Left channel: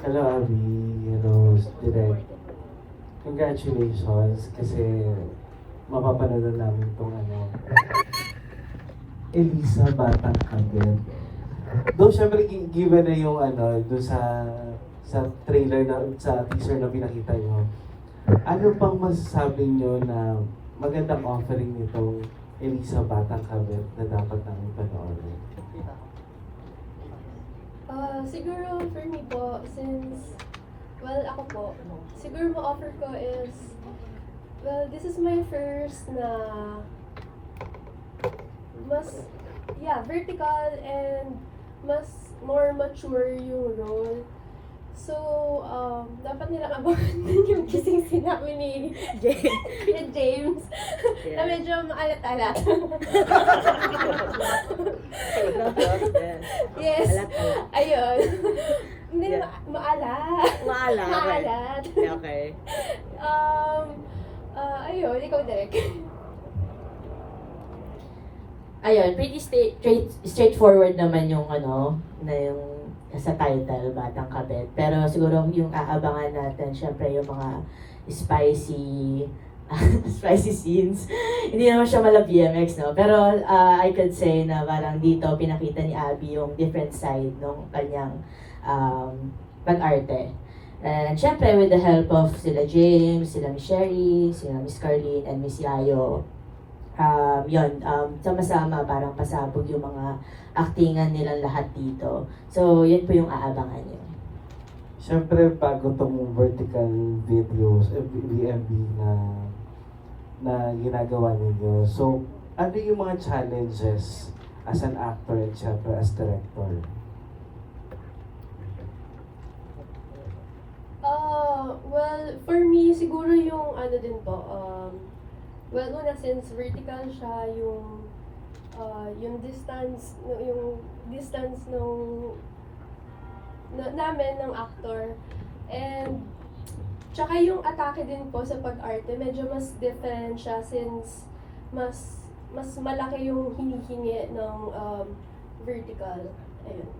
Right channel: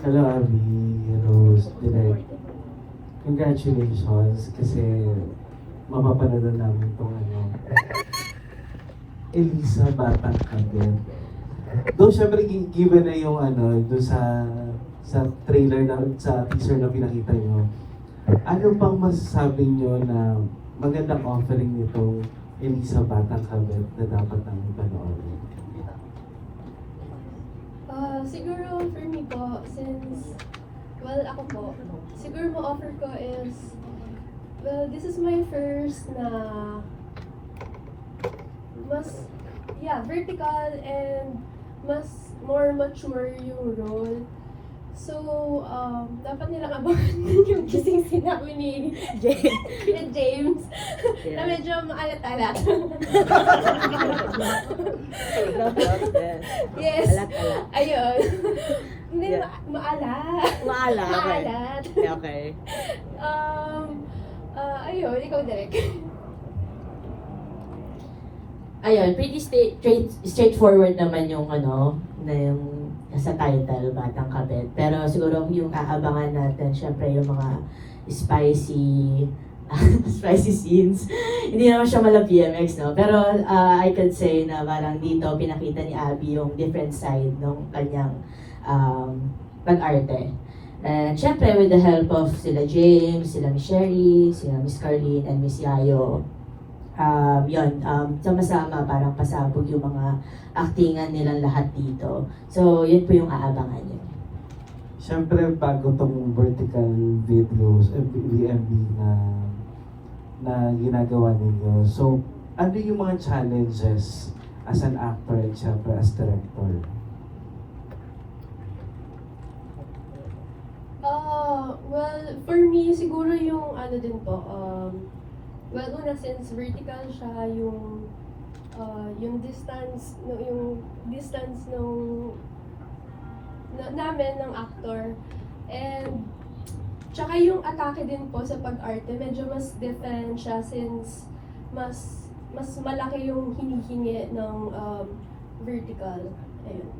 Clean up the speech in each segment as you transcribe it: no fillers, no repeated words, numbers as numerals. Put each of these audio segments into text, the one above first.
Hello, Abby. Hello, Direk. Congratulations kasi mapapanood namin itong Elisa Batang Kabel. Though syempre given na yung doon sa trailer na sa teaser na pinakita nyo, ano pang masasabi nyo na magandang offering nitong Elisa Batang Kabel na dapat namin panoorin? Siguro for me po, since, well, ako po, siguro ma-offer ko is, well, this is my first na mas, vertical and mas more mature yung role. So, dapat nilang abangan din yung kising sinabi ni James na medyo maalat-alat. Yes. Alat-alat. Ayun. Hindi, Yeah. maalat. Okay. Maalat. Okay. Ayun, ikaw direct. Ayun, pretty straightforward naman yung na yung sa title, Batang Kabet. Pero siguro yung aabangan natin, syempre yung mga spicy spicy scenes. Hindi naman siya mala BMX, no? Pero I could say na parang dito pinakita ni Abby yung different side ng kanyang pag-arte. And syempre with the help of sila James, sila Miss Sherry, sila Miss Carlene, and Miss Yayo, sama-sama parang pasabog yung mga actingan nilang lahat dito. So, yun po yung aabangan nyo. Siyempre, bago itong vertical videos, VMB na ginagawa ninyo. So, ano yung mga challenges as an actor and siyempre as director? Well, for me, siguro yung din po, well, una, since vertical siya, yung distance nung namin ng actor, and tsaka yung atake din po sa pag-arte, medyo mas different siya since mas malaki yung hinihingi ng vertical. Ayun.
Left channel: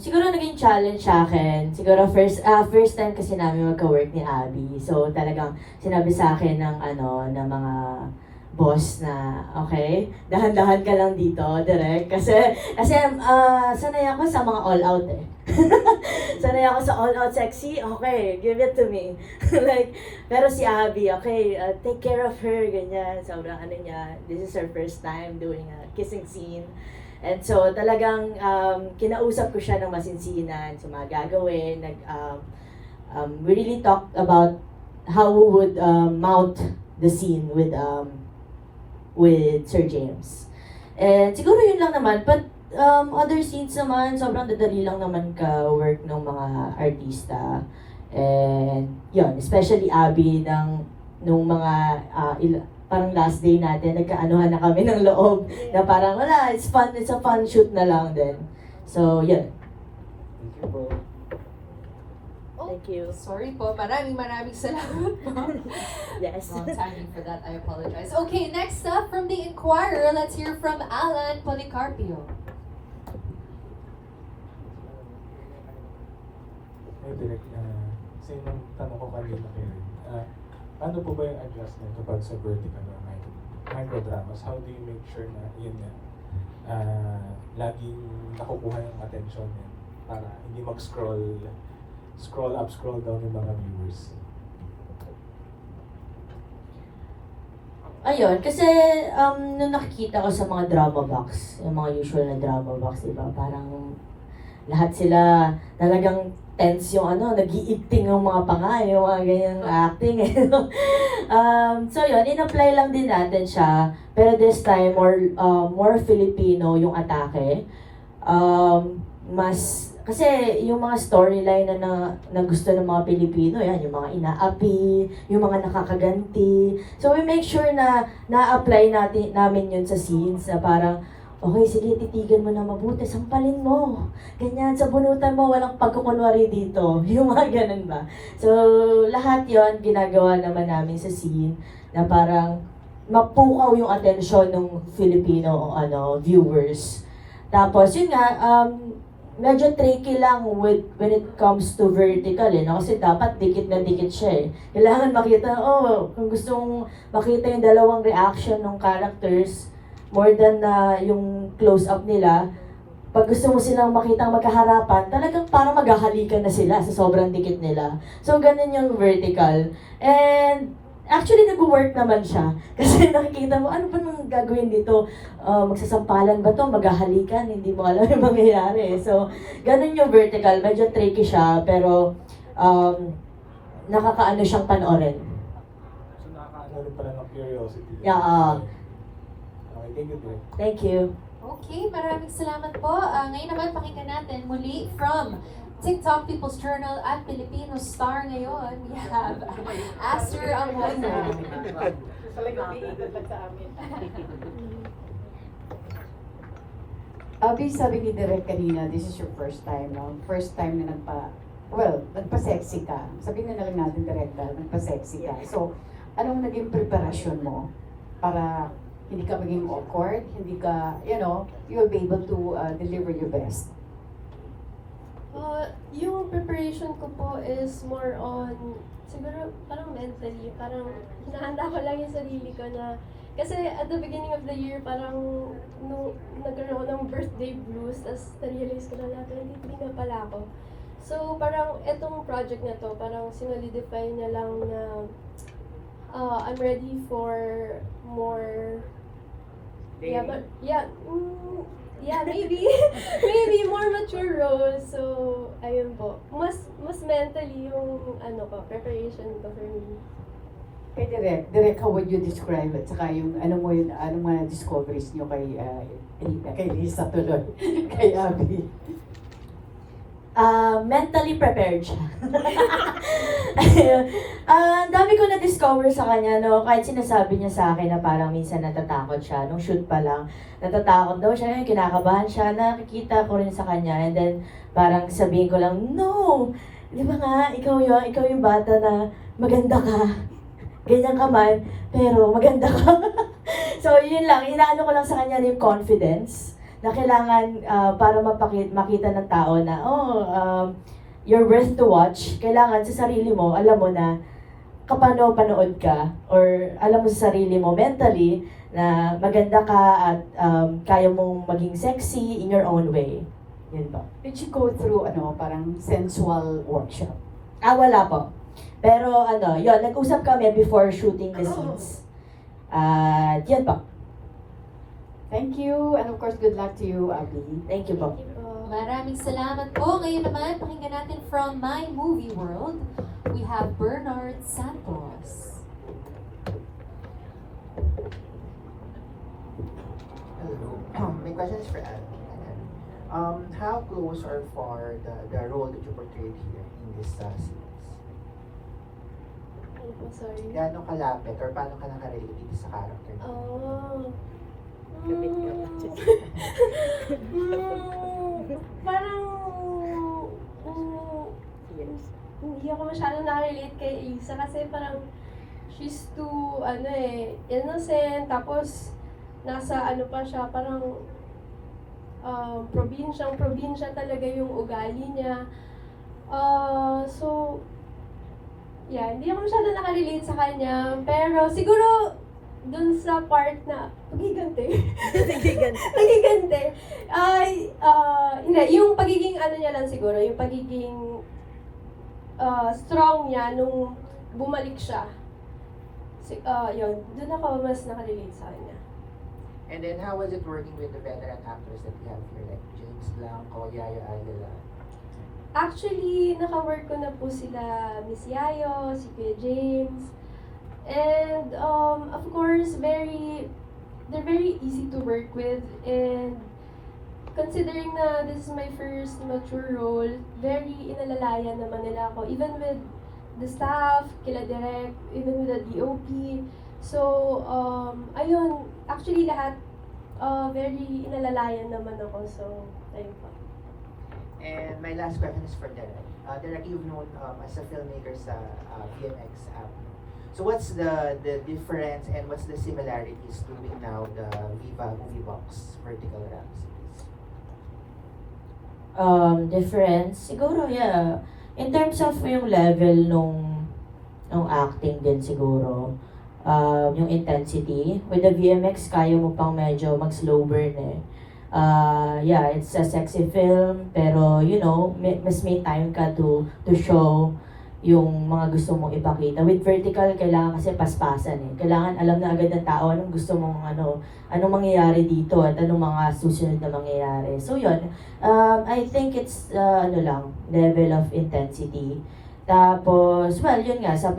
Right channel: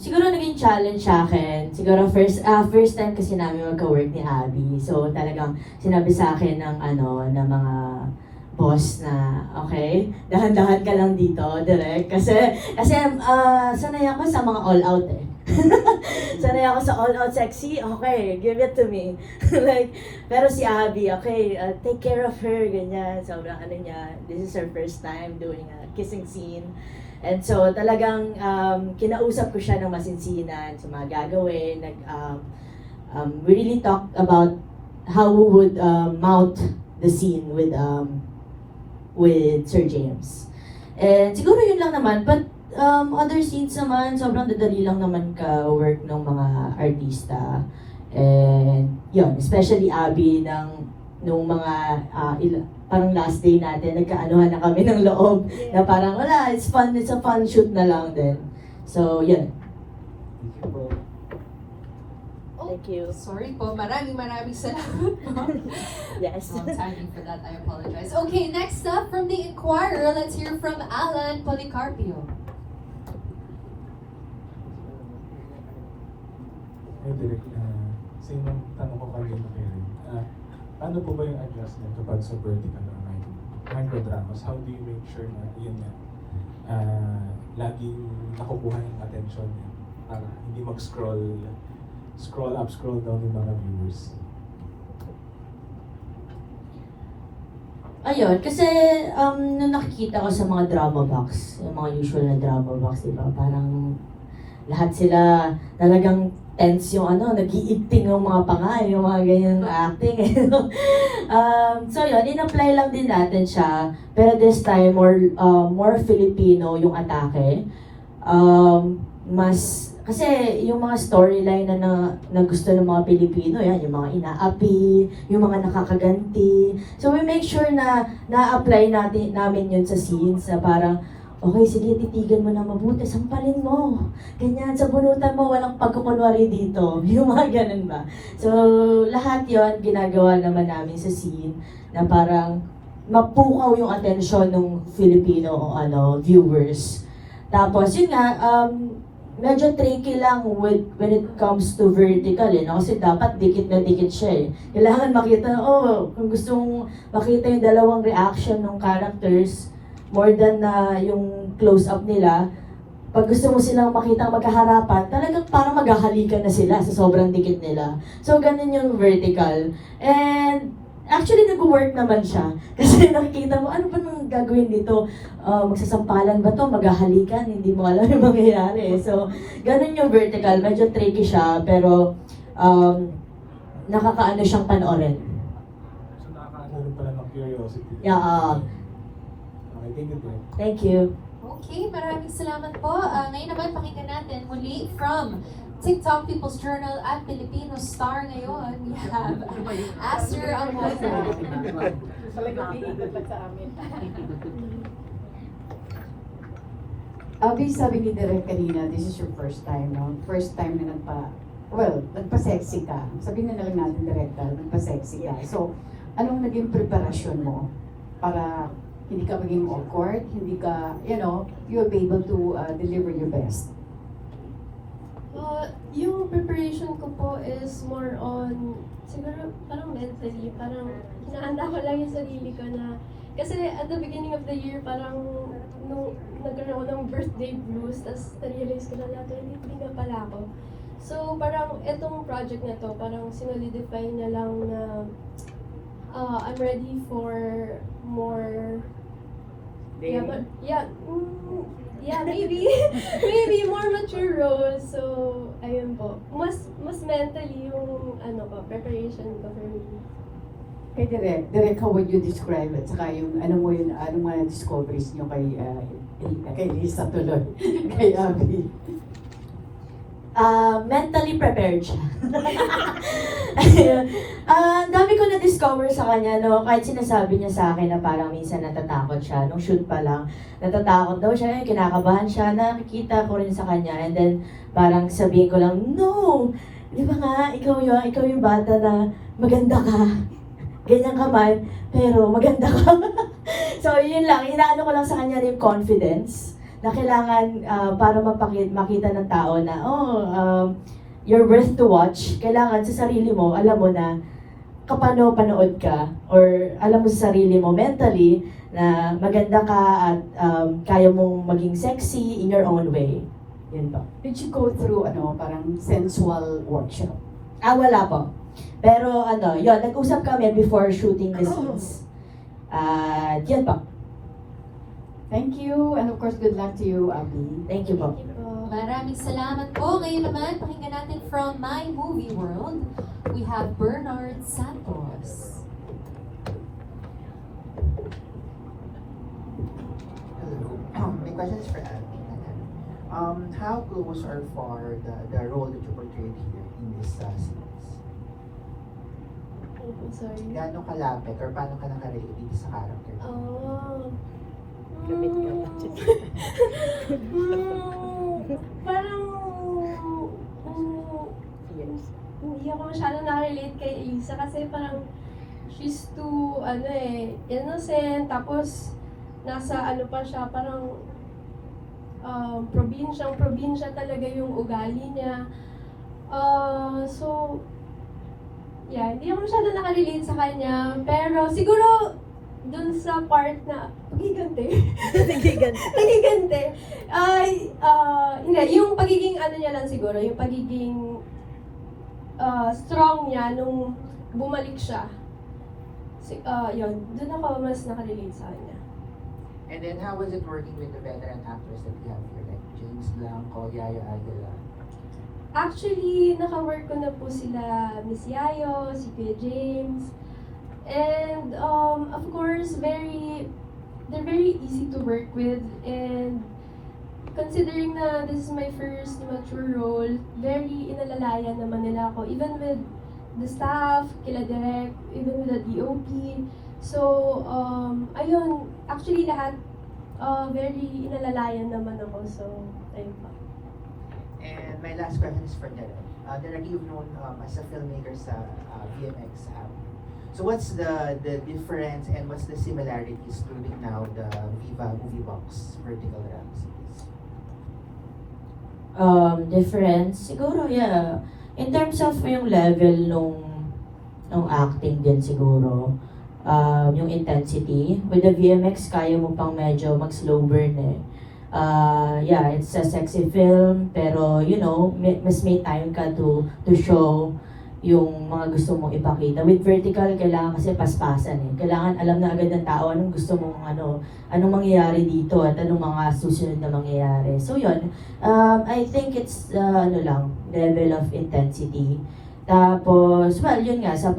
Siguro naging challenge sa akin. Siguro first time kasi namin magka-work ni Abby. So talagang sinabi sa akin ng ng mga boss na okay, dahan-dahan ka lang dito, direct. Kasi sanay ako sa mga all out eh. Sanay ako sa all out sexy. Okay, give it to me. Like, pero si Abby, okay, take care of her, ganyan. Sobrang niya, this is her first time doing a kissing scene. And so talagang kinausap ko siya ng masinsinan sa mga gagawin. We really talked about how we would mount the scene with Sir James. And siguro yun lang naman. But other scenes naman, sobrang dadali lang naman ka-work ng mga artista. And yun, especially Abby nung mga parang last day natin, nagkaanuhan na kami ng loob na parang wala, it's a fun shoot na lang din. So, yun. Thank you po. Thank you. Sorry po, maraming salamat po. Yes. Wrong timing for that, I apologize. Okay, next up from the Inquirer, let's hear from Alan Policarpio. Hey, Direk, sa inang tanong ko kanina kayo, ano po ba yung adjustment kapag sa vertical or microdramas? How do you make sure na yun nga, laging nakukuha yung attention niya para hindi mag-scroll up, scroll down yung mga viewers? Ayun, kasi nung nakikita ko sa mga drama box, yung mga usual na drama box, diba, parang lahat sila talagang tense yung nag-iigting yung mga pangay, yung mga ganyang acting. So yun, in-apply lang din natin siya. Pero this time, more Filipino yung atake. Kasi yung mga storyline na gusto ng mga Pilipino, yan, yung mga inaapi, yung mga nakakaganti. So we make sure na na-apply namin yun sa scenes na parang, okay, sige, titigan mo na mabuti, sampalin mo. Ganyan, sa bunutan mo, walang pagkukunwari dito. Yung mga ganun ba. So, lahat yon ginagawa naman namin sa scene na parang mapukaw yung atensyon ng Filipino viewers. Tapos yun nga, medyo tricky lang when it comes to vertical no? Kasi dapat dikit na dikit siya eh. Kailangan makita, kung gustong makita yung dalawang reaction ng characters, more than na yung close-up nila, pag gusto mo silang makita magkaharapan, talagang parang maghahalikan na sila sa sobrang dikit nila. So, ganun yung vertical. And, actually, nag-work naman siya. Kasi nakikita mo, ano pa nang gagawin dito? Magsasampalan ba to? Maghahalikan? Hindi mo alam yung mangyayari. So, ganun yung vertical. Medyo tricky siya, pero nakakaano siyang panoorin. So nakakaano rin pala ng curiosity. Yeah. Okay, thank you, Direk. Thank you. Okay, maraming salamat po. Ngayon naman pakinggan natin muli from TikTok People's Journal at Filipino Star ngayon. We have Aster Amona. Abi, sabi ni Direk kanina, this is your first time, no? First time na nagpa-sexy ka. Sabihin na lang natin direkta, nagpa-sexy ka. So, anong naging preparasyon mo para hindi ka maging awkward, hindi ka, you'll be able to deliver your best? Yung preparation ko po is more on, siguro parang mentally, parang hinahanda ko lang yung sarili ko na, kasi at the beginning of the year, parang nung nagkaroon ng birthday blues, tapos na-realize ko na natin, hindi na pala ako. So parang etong project na to, parang sinolidify na lang na I'm ready for more, maybe more mature roles. So, ayun po. Mas mentally yung preparation ko for me. Kay Direk, how would you describe it? Saka yung, anong mga discoveries nyo kay Lisa tuloy, kay Abby? Mentally prepared siya. Dami ko na-discover sa kanya, no? Kahit sinasabi niya sa akin na parang minsan natatakot siya. Nung shoot pa lang, natatakot daw siya, kinakabahan siya, nakikita ko rin sa kanya. And then, parang sabihin ko lang, no! Di ba nga, ikaw yung bata na maganda ka. Ganyan ka man, pero maganda ka. So, yun lang. Inaano ko lang sa kanya yung confidence na kailangan para makita ng tao na, you're worth to watch. Kailangan sa sarili mo, alam mo na kapano panood ka or alam mo sa sarili mo mentally na maganda ka at kaya mong maging sexy in your own way. Yun po. Did you go through, parang sensual workshop? Wala po. Pero yun, nag-usap kami before shooting the scenes. Yan po. Thank you, and of course, good luck to you, Abby. Thank you po. Maraming salamat po. Ngayon naman, pakinggan natin from My Movie World. We have Bernard Santos. Hello. My question is for Abby. How close or far the role that you portrayed here in this scenes? I'm sorry. Gaano kalapit or paano ka nakarelate dito sa character? Kapit ka pa. Parang Years. hindi ako masyadong nakarelate kay Isa kasi parang she's too innocent, tapos nasa pa siya, parang probinsya talaga yung ugali niya. So hindi ako masyadong nakarelate sa kanya, pero siguro dun sa part na pagigante. Pagigante. Hindi, yung pagiging niya lang siguro, yung pagiging strong niya nung bumalik siya. Yun, dun ako mas nakarelate sa kanya. And then how was it working with the veteran actors that we have here, like James Blanco, Yaya Aguila? Actually, naka-work ko na po sila Miss Yayo, si Kuya James. And of course, they're very easy to work with, and considering na this is my first mature role, very inalalayan naman nila ako, even with the staff, kila Direk, even with the DOP. So, ayun, actually lahat very inalalayan naman ako, so ayun pa. And my last question is for Derek. Derek, you've known as a filmmaker sa VMX app. So what's the difference and what's the similarities doing now the Viva Movie Box vertical ramp series? Difference, siguro, yeah. In terms of yung level nung acting din siguro, yung intensity. With the VMX, kaya mo pang medyo mag-slow burn eh. Yeah, it's a sexy film, pero mas may time ka to show yung mga gusto mong ipakita. With vertical, kailangan kasi paspasan eh. Kailangan alam na agad ng tao anong gusto mong anong mangyayari dito at anong mga susunod na mangyayari. So yun, I think it's level of intensity. Tapos, well, yun nga, sa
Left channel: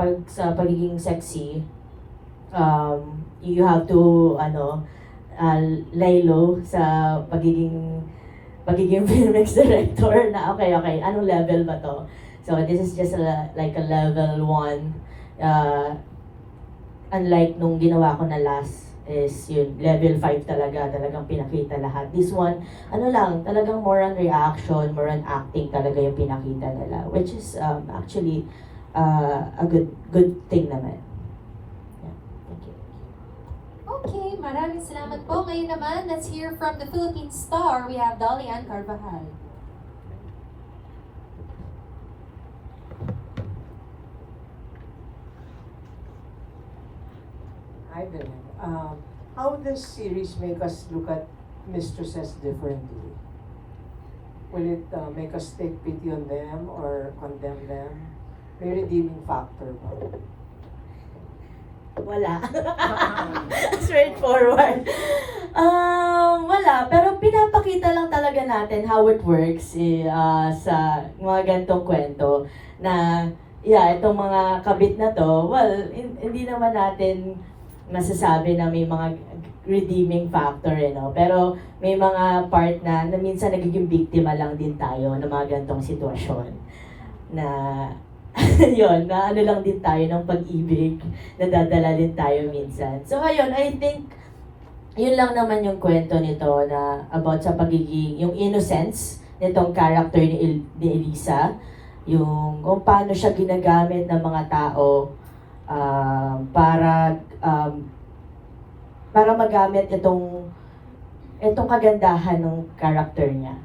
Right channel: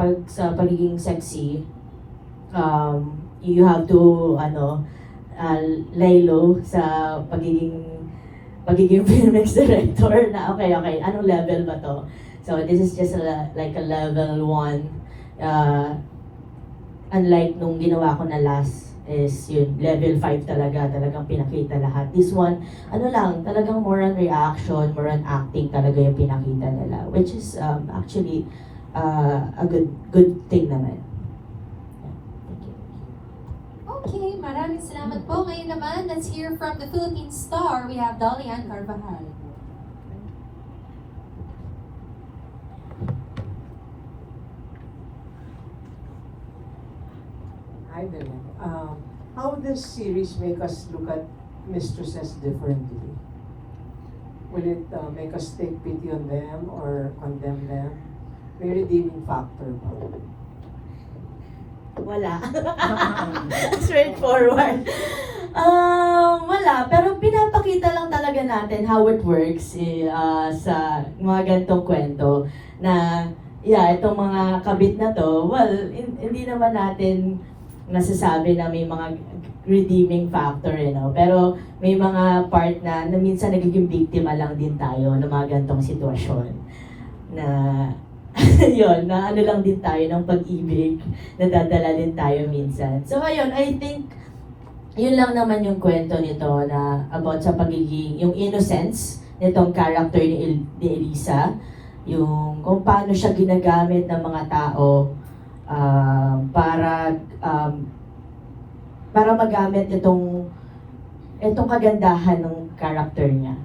pagiging sexy, you have to, lay low sa pagiging filmmaker director na okay, anong level ba to? So this is just like a level 1. Unlike nung ginawa ko na last is yun, level 5 talagang pinakita lahat. This one, talagang more on reaction, more on acting talaga yung pinakita nila, which is actually a good thing naman. Yeah, thank you. Okay, maraming salamat po. Ngayon naman, let's hear from the Philippine star. We have Dolian Carvajal. Hi there. How this series make us look at mistresses differently? Will it make us take pity on them or condemn them? May redeeming factor ba? Wala. Straightforward. Wala. Pero pinapakita lang talaga natin how it works sa mga ganitong kwento na, yeah, itong mga kabit na to, well, hindi naman natin masasabi na may mga redeeming factor, pero may mga part na minsan nagiging biktima lang din tayo ng mga ganitong sitwasyon na yun, na lang din tayo ng pag-ibig, nadadala din tayo minsan. So ayun, I think yun lang naman yung kwento nito na about sa pagiging, yung innocence nitong character ni Elisa, yung kung paano siya ginagamit ng mga tao para magamit itong kagandahan ng character niya.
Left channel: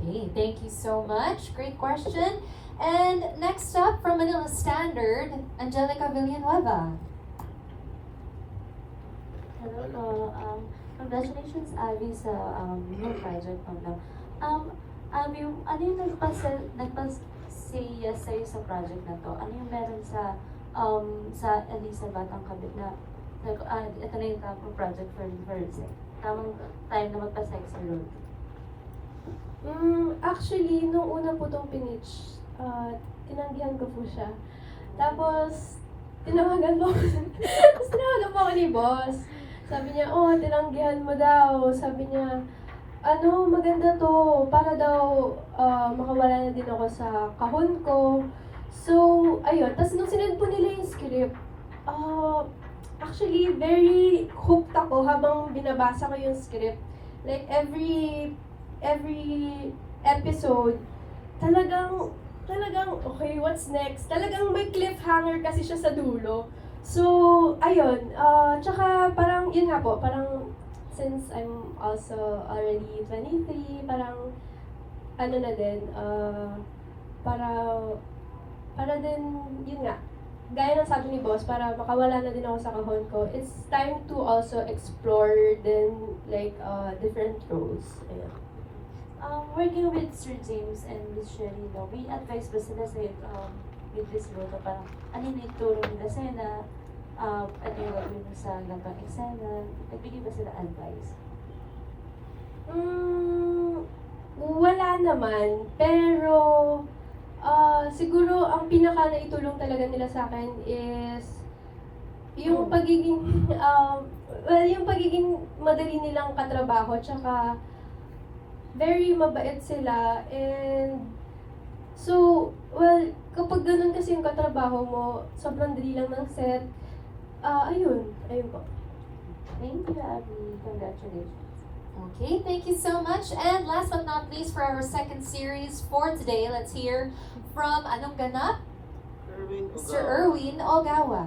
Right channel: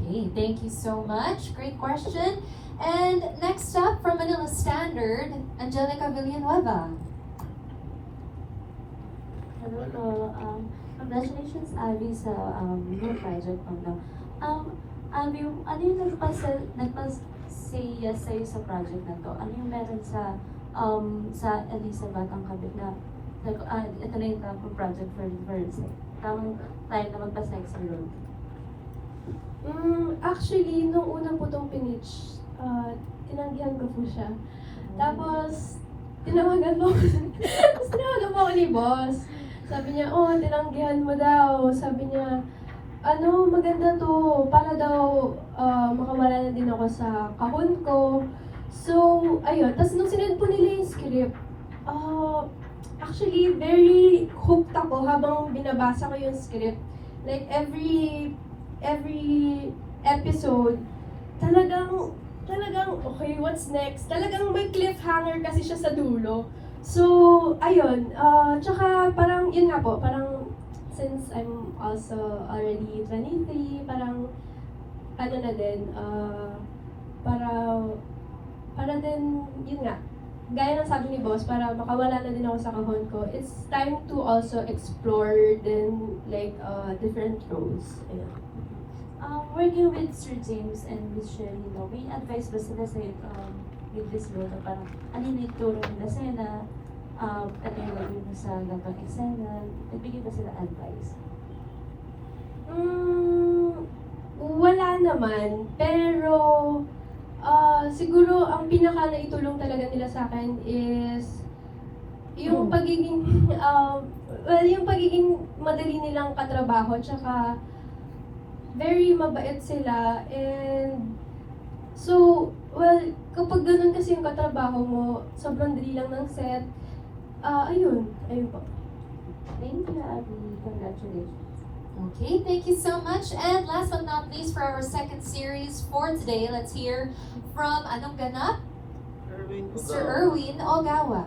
Okay, thank you so much. Great question. And next up from Manila Standard, Angelica Villanueva. Hello po. Congratulations, Abby, sa new project mo. Abby, ano yung nagpa-say yes sa'yo sa project na to? Ano yung meron sa Elisa Batang Kabit na ito na yung tamang project for tamang time na magpa-sexy role? Actually, nung una po itong pinitch, tinanggihan ko po siya. Tapos, tinawagan mo ako ni boss. Sabi niya, tinanggihan mo daw. Sabi niya, maganda to. Para daw makawala na din ako sa kahon ko. So, ayun. Tapos nung sinend po nila yung script, actually, very hooked ako habang binabasa ko yung script. Like, every episode, talagang, okay, what's next? Talagang may cliffhanger kasi siya sa dulo. So, ayun. Tsaka parang, yun nga po, parang, since I'm also already 23, parang, na din, para din, yun nga, gaya ng sabi ni boss, para makawala na din ako sa kahon ko, it's time to also explore then, like, different roles. Ayun. Working with Sir James and with Sherry, may advice ba sila sa'yo with this role na parang ano yung ituro nila sa'yo na ano yung gagawin mo sa labang eksena? Nagbigay ba sila advice? Wala naman, pero siguro ang pinaka naitulong talaga nila sa akin is yung pagiging yung pagiging madali nilang katrabaho, tsaka very mabait sila, and so, well, kapag ganun kasi yung katrabaho mo, sobrang dali lang ng set, ayun po. Thank you, Abby. Congratulations. Okay, thank you so much. And last but not least, for our second series for today, let's hear from anong ganap? Mr. Erwin Ogawa.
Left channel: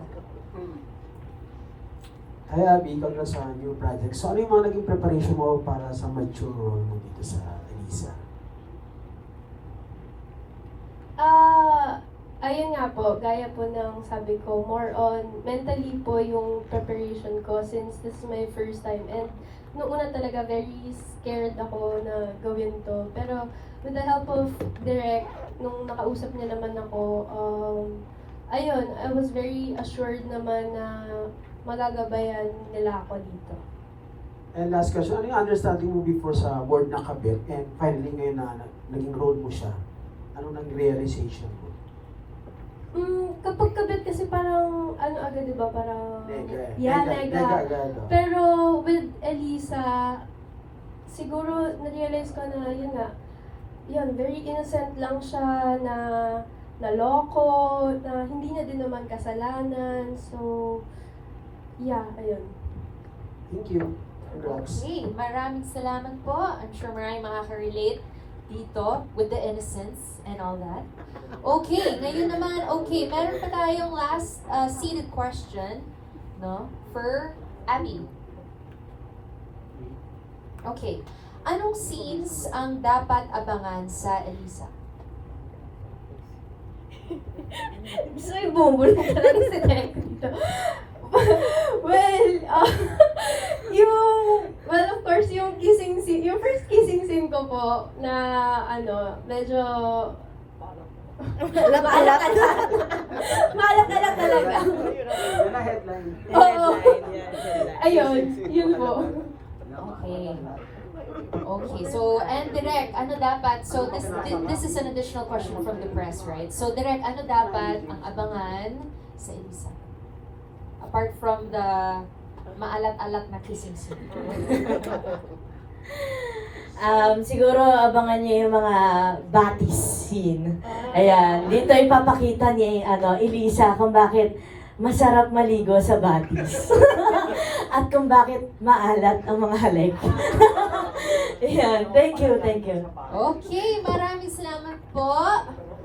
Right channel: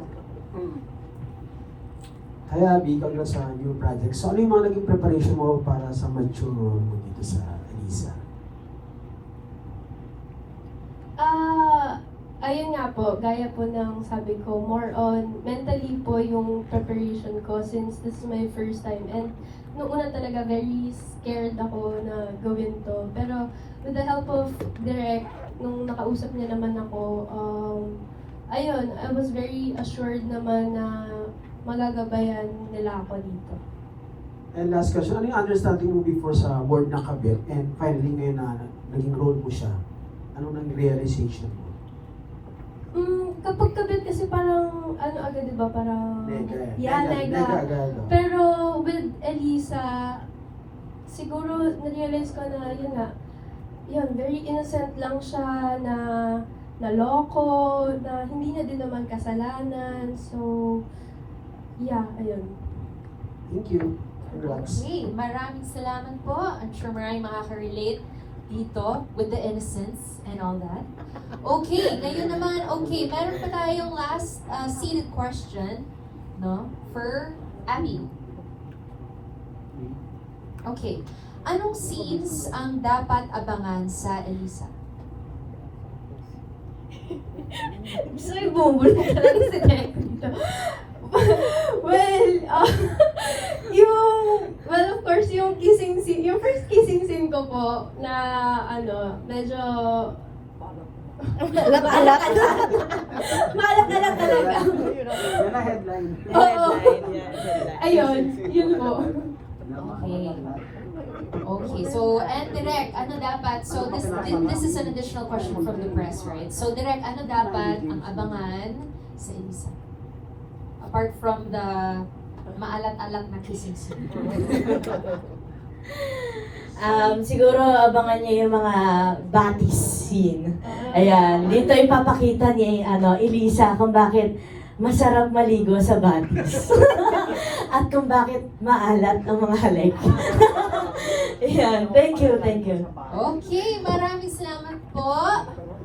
Hi Abby, congrats sa new project. So ano yung mga naging preparation mo para sa mature role mo dito sa Elisa? Ayun nga po, gaya po ng sabi ko, more on mentally po yung preparation ko since this is my first time. And noong una talaga, very scared ako na gawin to. Pero with the help of Direk, nung nakausap niya naman ako, ayun, I was very assured naman na magagabayan nila ako dito. And last question, ano yung understanding mo before sa board na kabit and finally ngayon na naging role mo siya? Ano naging realization mo? Kapag kabit kasi parang, ano agad diba, parang, yeah, Lega. Pero with Elisa, siguro na-realize ko na yun nga, yun, very innocent lang siya na naloko, na hindi niya din naman kasalanan. So, yeah, ayun. Thank you. Congrats. Okay, maraming salamat po. I'm sure maraming makaka-relate dito with the innocence and all that. Okay, ngayon naman, okay, meron pa tayong last seated question, no, for Abby. Okay, anong scenes ang dapat abangan sa Elisa? Gusto ko yung bumbulo talaga sa Direk dito. Well, of course, yung kissing scene, yung first kissing scene ko po na, ano, medyo Alat-alat. maalat-alat talaga. Headline. Oo. Headline. Ayun, yun po. Okay. Okay, so, and Direk, ano dapat, so this is an additional question from the press, right? So, Direk, ano dapat ang abangan sa Elisa? Apart from the maalat-alat na kissing scene. Siguro abangan niyo yung mga batis scene. Ayan, dito ipapakita ni Elisa kung bakit masarap maligo sa batis. At kung bakit maalat ang mga halik. Ayan, thank you. Okay, maraming salamat po.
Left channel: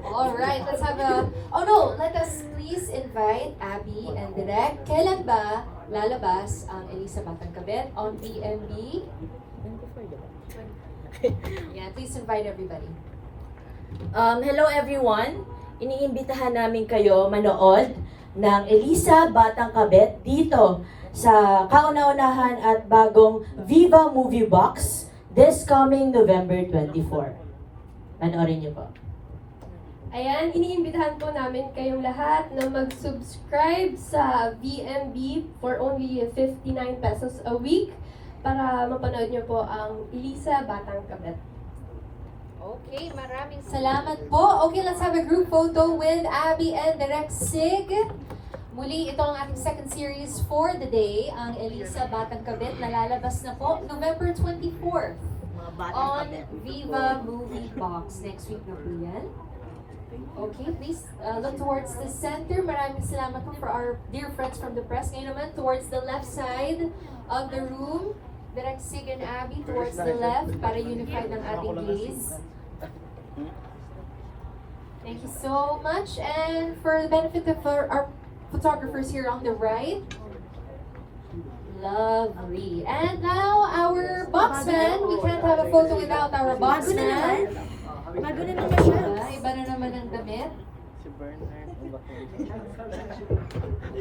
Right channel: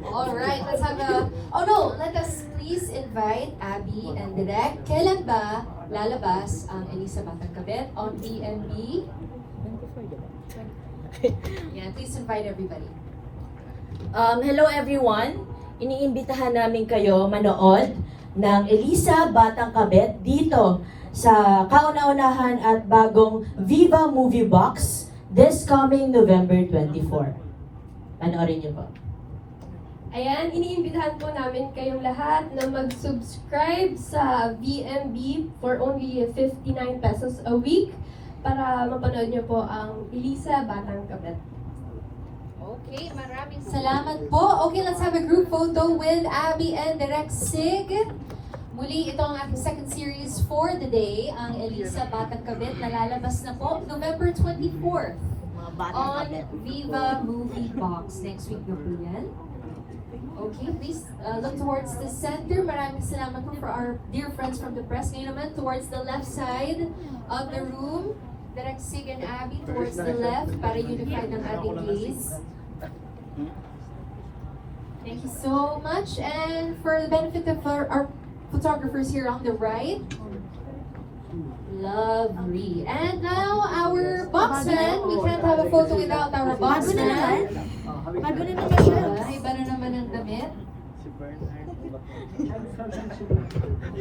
Alright, let's have let us please invite Abby and Direk. Kailan ba lalabas ang Elisa Batang Kabit on VMB? Yeah, please invite everybody. Hello everyone! Iniimbitahan namin kayo manood ng Elisa Batang Kabit dito sa kauna-unahan at bagong Viva Movie Box this coming November 24. Panoorin niyo po. Ayan, iniimbitahan po namin kayong lahat na mag-subscribe sa VMB for only 59 pesos a week para mapanood niyo po ang Elisa Batang Kabit. Okay, maraming salamat po. Okay, let's have a group photo with Abby and Direk Sig. Muli, ito ang ating second series for the day, ang Elisa Batang Kabit, na lalabas na po November 24th on Viva Movie Box. Next week na po yan. Okay, please look towards the center. Maraming salamat po for our dear friends from the press. Ngayon naman, towards the left side of the room, Direk Sig and Abby towards the left para unified ang ating gaze. Thank you so much. And for the benefit of our photographers here on the right, lovely. And now our boxman. We can't have a photo without our boxman. Bago na naman siya. Iba na naman ang damit.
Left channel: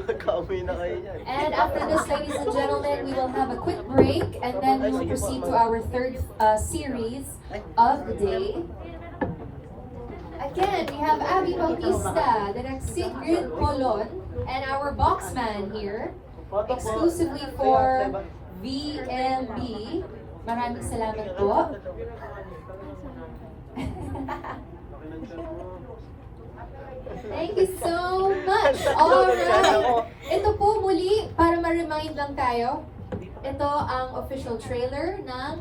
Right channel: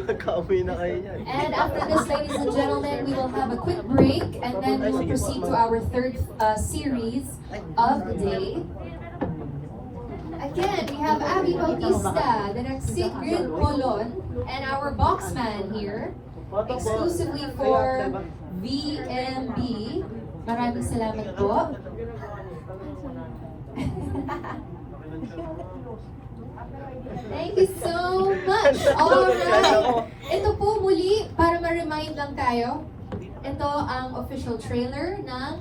Nakauwi na kayo yan. And after this, ladies and gentlemen, we will have a quick break and then we will proceed to our third series of the day. Again, we have Abby Bautista, the next Sigrid Polon, and our boxman here, exclusively for VMB. Maraming salamat po. Thank you so much. Alright. Ito po muli, para ma-remind lang tayo, ito ang official trailer ng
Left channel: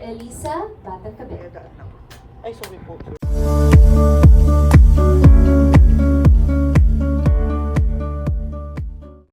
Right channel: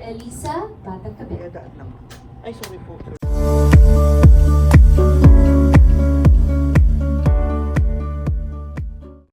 Elisa Batang Kabit. Ay, sorry po.